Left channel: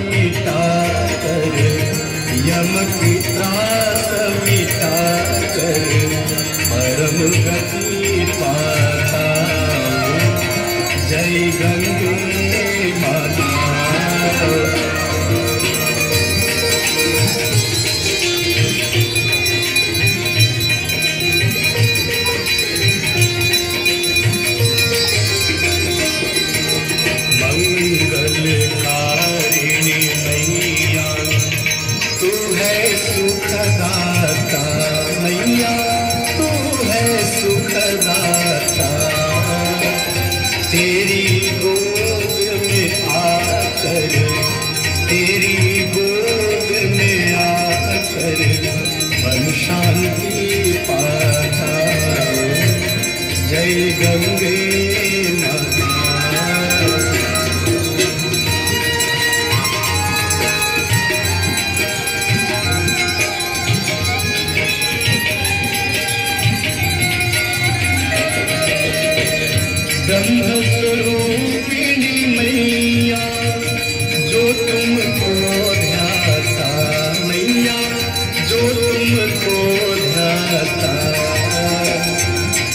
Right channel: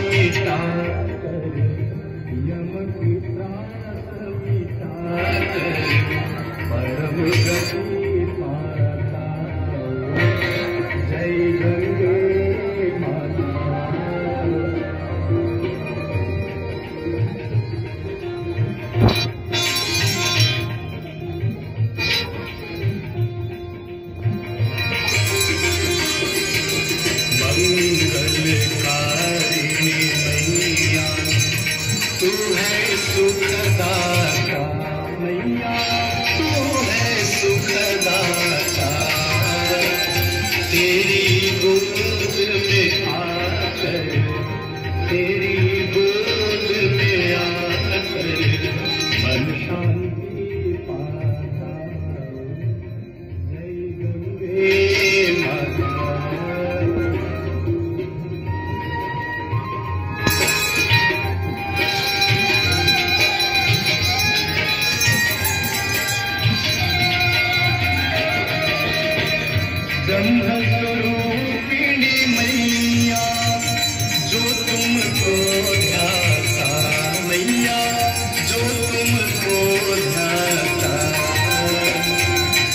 मिटा कर, यम की त्रास मिटा कर, परम गति पाता। जय गंगे माता। मंगलकारिणी मैया तू है सुखदाता, मैया तू है सुखदाता। तेरी गोद में आकर, तेरी गोद में आकर मन शांति पाता। जय गंगे माता। ब्रह्मस्वरूपिणी मैया जो तुमको ध्याता, मैया जो तुमको ध्याता।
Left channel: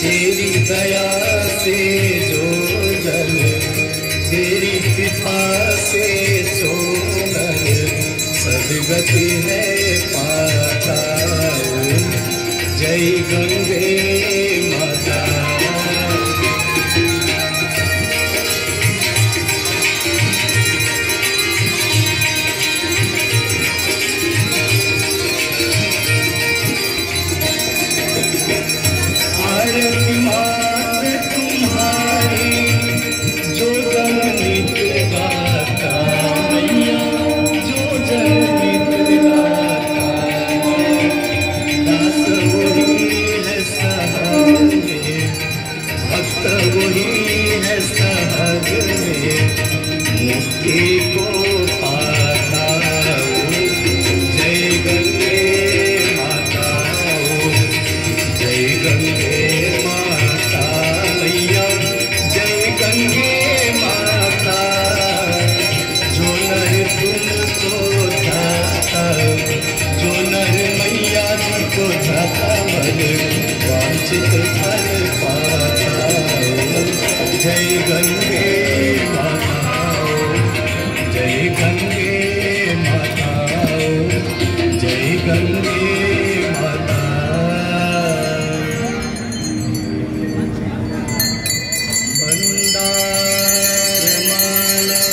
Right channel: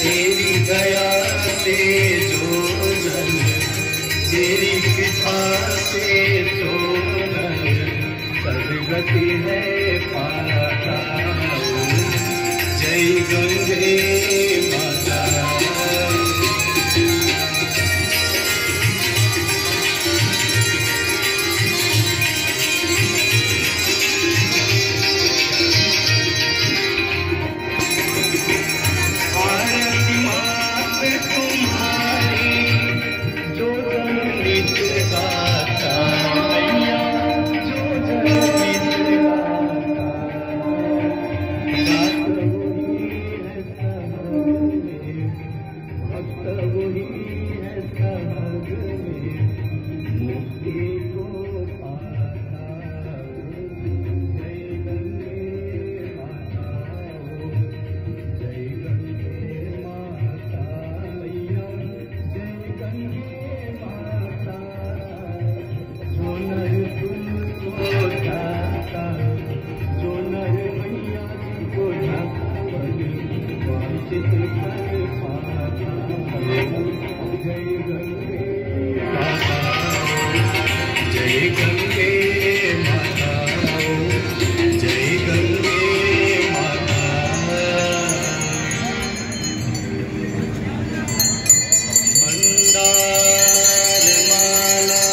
तेरी दया से जो जन, तेरी कृपा से सो नर, सद्गति है पाता। जय गंगे माता। जय गंगे माता, जय गंगे माता, जय गंगे माता। मंदार माला